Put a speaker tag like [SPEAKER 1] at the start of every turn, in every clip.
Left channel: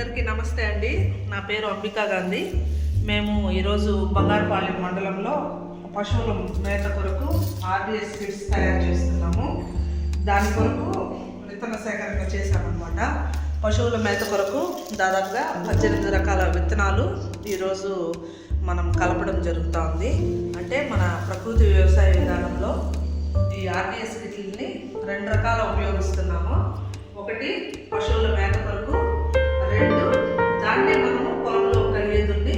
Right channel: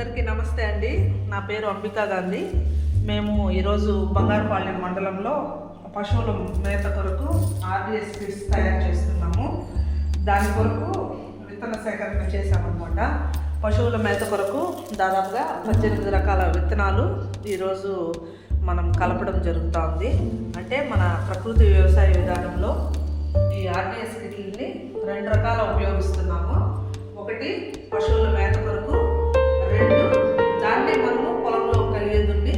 [SPEAKER 1] అందరికీ నమస్తే అండి. నా పేరు అంబికా గాంధీ. మేము ఈరోజు బంగారుపాలెం మండలంలో పశువుల మేత కొరకు ఆర్డిఎస్ కిట్స్ తయారు చేస్తున్నాము. దాని కొరకు విత్తన సేకరణ చేశామన్నమాట. పశువుల మేత కొరకు దాదాపుగా పద్దెనిమిది రకాల విత్తనాలు ఈరోజు మనం కలపడం జరుగుతోంది. అంటే మన ప్రకృతి వ్యవసాయ విధానంలో ఈ ఆర్డిఎస్ కిట్లని రెండు రకాల ఉపయోగిస్తున్నాము. ఒకటి పశువుల మేత కొరకు రెండు. దాన్ని మనము పొలంలో కలిగేదుండి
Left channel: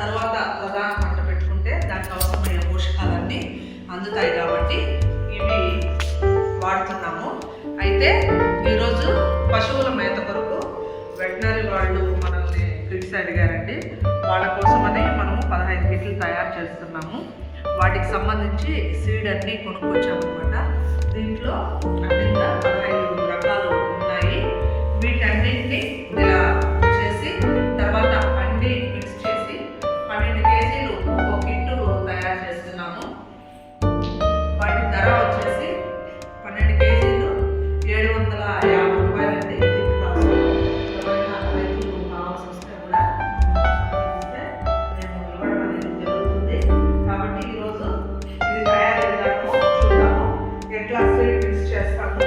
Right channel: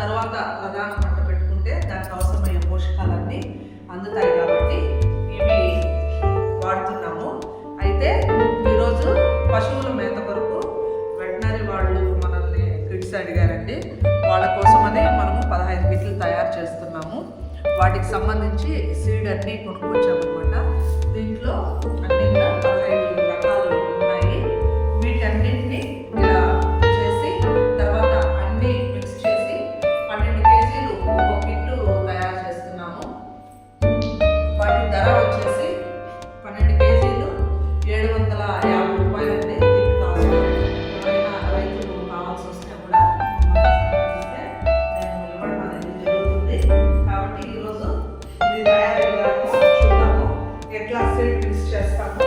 [SPEAKER 1] తర్వాత ప్రధాన పంట పెట్టుకుంటే దానికి అవసరమైన పోషకాలన్నీ అందుతాయి కాబట్టి ఇవి వాడుతున్నాము. అయితే ఈరోజు పశువుల మేత కొరకు వెటనరీ వాళ్ళు మనల్ని కిట్స్ అడిగారండి. వాళ్ళ కోసమని మనము పదహైదు కిట్లు తయారు చేస్తున్నాము. వాటికి సంబంధించి సీడ్ అన్నీ కొనుక్కొచ్చామన్నమాట. దీంట్లో అన్ని పదహైదు రకాలు ఉన్నాయి. వీటన్నింటినీ ఎట్లా మిక్స్ చేస్తాము.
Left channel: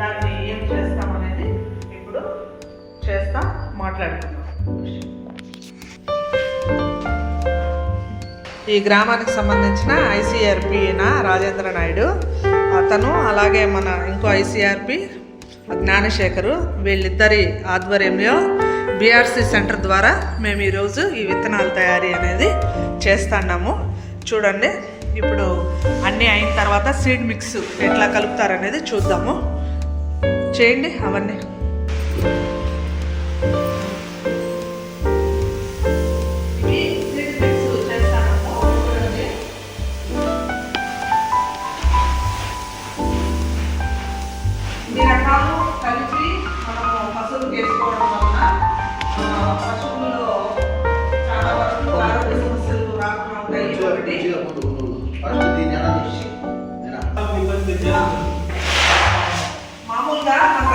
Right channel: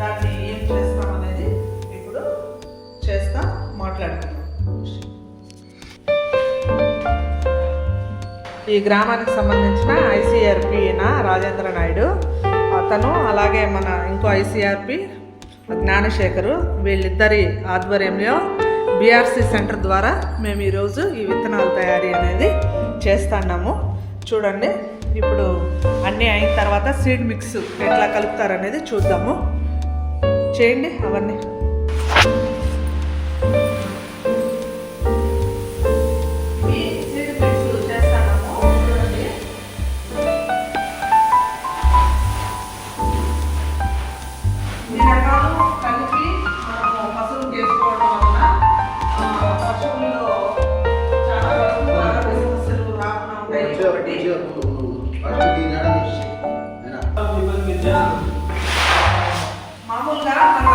[SPEAKER 1] దాన్ని ఏం చేస్తాం అనేది ఇప్పుడు చేస్తా మాట్లాడుకుందాం. ఈ గ్రామానికి సంబంధించిన ఐసీఆర్పిన రాజేంద్ర నాయుడు అతను అలాగే మన ఇంకో ఐసీఆర్పి జ్ఞానశేఖరు వీళ్ళిద్దరి ఆధ్వర్యంలో బీఆర్సీ సెంటర్ ద్వారా మేము ఈరోజు ఈ విత్తనాల తయారీ అనేది చేస్తున్నాము చూడండి. ఇప్పుడు అన్నీ అయిన తర్వాత సీడ్ మిక్స్ ఎట్లా కలుపుతారనేది చూద్దాము. చేయండి అవన్నీ.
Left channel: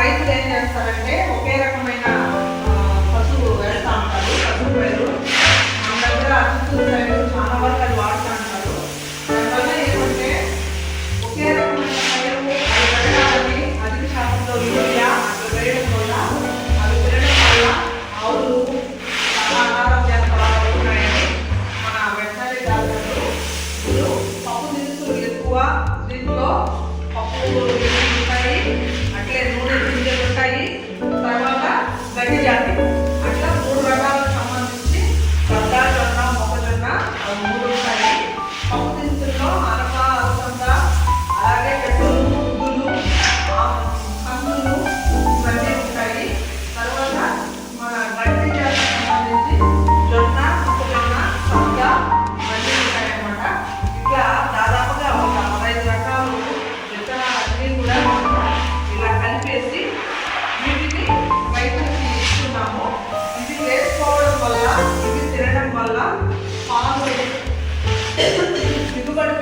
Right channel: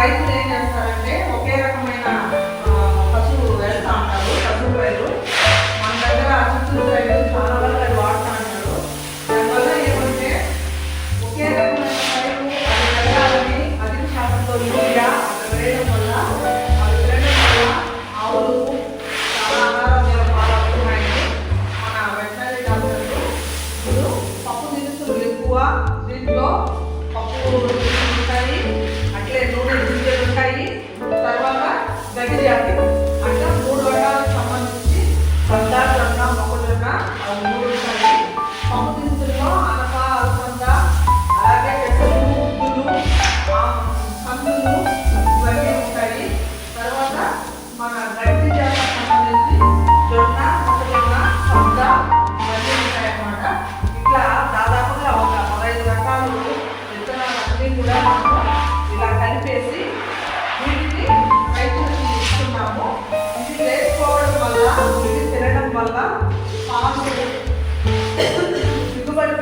[SPEAKER 1] రైతులు ఏం చేస్తారంటే ఒకే రకమైన పశువు వెళ్తా ఉంటారు పశువు పైరు మన దగ్గర చిత్తూరు సైడ్ చాలా వరకు అది వాడుతూ ఉంటారు. దానివల్ల ఏమంటే ఒకే రకమైన పైరు అది పెరగాలని అధిక శాతంలో యూరియా అక్కడ వేయడం వల్ల అవి తినడం వల్ల ఆవులు చాలా అనారోగ్యాలు పాలవుతున్నాయని మన వెటనరీ డాక్టర్లు. ఇప్పుడు పప్పు దినుసులు ఎక్కువ దీంట్లో పప్పు নাকি জানি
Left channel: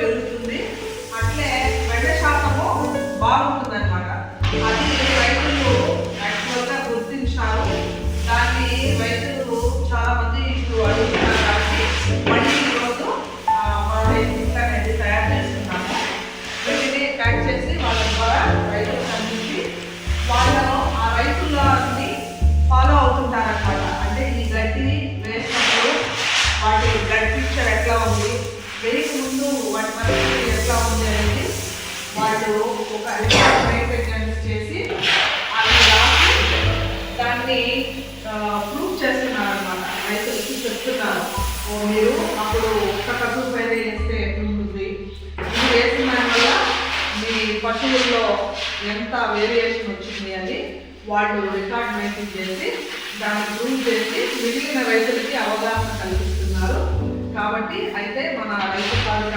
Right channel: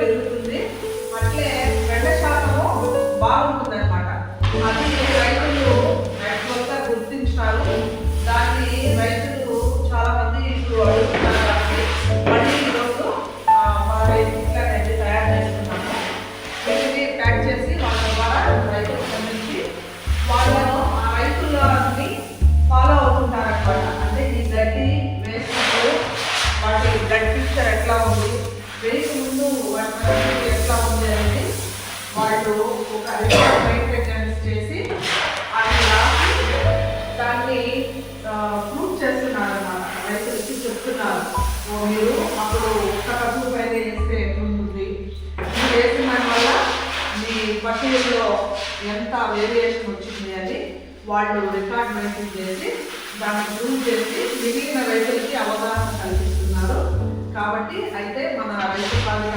[SPEAKER 1] పెరుగుతుంది. అట్లే వాళ్ళు ఒక మెయింటెనెన్స్ చేసి అది రాసి దాన్ని ప్రూవ్ చేస్తున్నారు అన్నమాట రైతులకి చెప్తున్నారు. ఓ మీరు అప్పుడు ఒక్క పశువు పైన వేస్తే ఉంటుంది ఇది వేసిన వల్ల మీ పశువుల్లో ఎంత వేరియేషన్ వచ్చింది అని వాళ్ళు రికార్డ్ మెయింటైన్ చేసి దాన్ని ప్రూవ్ చేసి మిగిలిన రైతులకి అవగాహన కల్పిస్తున్నారు. కాబట్టి అయితే మన రైతు పాలన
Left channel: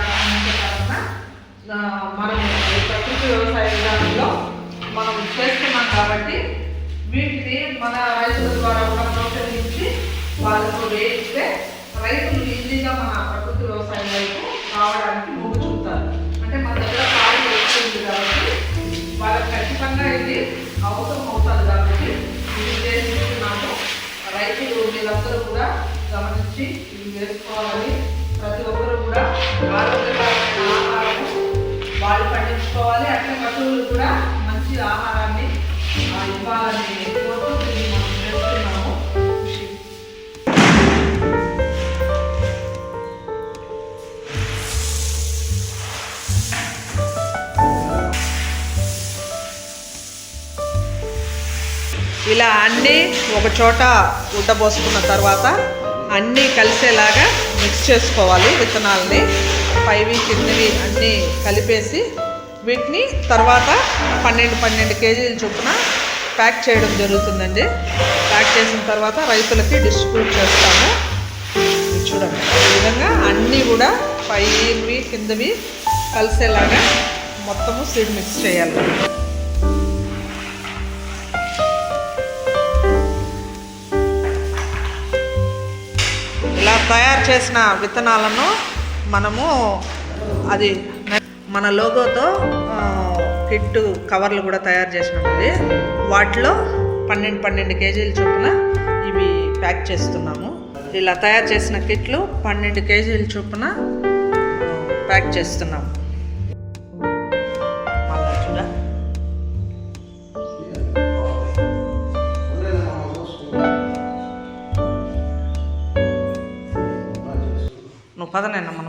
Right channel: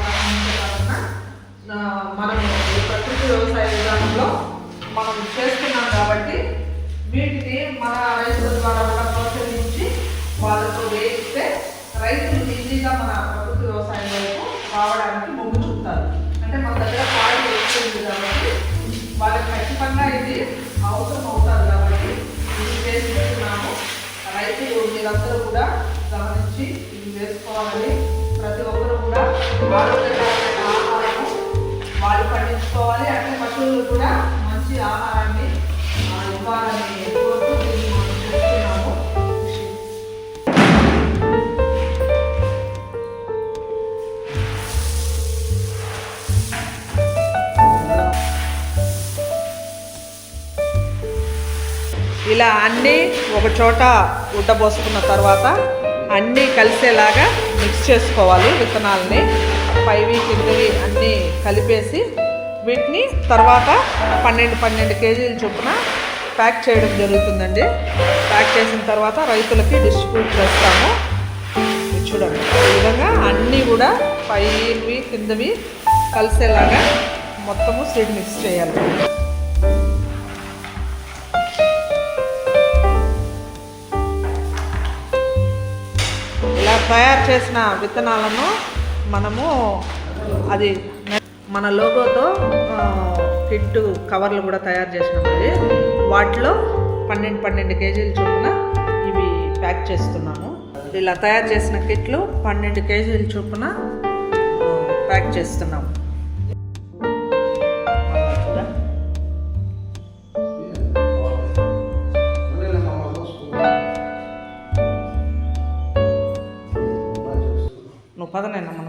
[SPEAKER 1] మనం చేస్తున్నాం కాబట్టి వీటిని మన రైతుల ద్వారా కూడా ప్రోత్సహించి వాళ్ళకు వేస్తే రైతులు ఈజీగా మన ప్రకృతి వ్యవసాయం వైపు రావడానికి మొగ్గు చూపుతారు. అంటే మన దగ్గర కాలు వేస్తుంది కాబట్టి వాళ్ళకి ఖచ్చితంగా ఇది అవసరం అవుతుంది కాబట్టి ఇది మనము రైతులు వీళ్ళందరూ కూడా గమనించి ఇది వేసుకోవాలని ప్రతి ఒక్కరు కూడా ఆరోగ్యంగా ఇలా అన్నీ ఒక చోట ఉడ్డబోసుకున్న తర్వాత అన్నీ కలిసేలాగా మిక్స్ చేసుకోవాలి విత్తనాలని. పైవి కిందవి అన్నీ కలిపేసి వీటిని తర్వాత పన్నెండు పన్నెండు కేజీల చొప్పున ప్యాక్ చేయడం జరుగుతుందండి. ప్యాక్ చేసిన తర్వాత రైతులకి డిస్ట్రిబ్యూట్ చేస్తాము. చూడండి. ఈ విధంగా అన్నీ కూడా పైవి కిందవి కలిసేలాగా మొత్తము సీడ్ మిక్స్ చేయాలి. తయారు చేసిన విత్తనాలను మనము అది మన లోగోతో కిట్టు కిట్ కవర్లు కూడా తయారు చేసినామండి. వాటిలో పన్నెండు పన్నెండు కేజీల చొప్పున ఇవి ప్యాక్ చేస్తున్నాము. ఇలా తయారు చేసిన కిట్లు పన్నెండు కేజీల చొప్పున ప్యాక్ చేస్తున్నాము. பதினெண்ணு நம்ம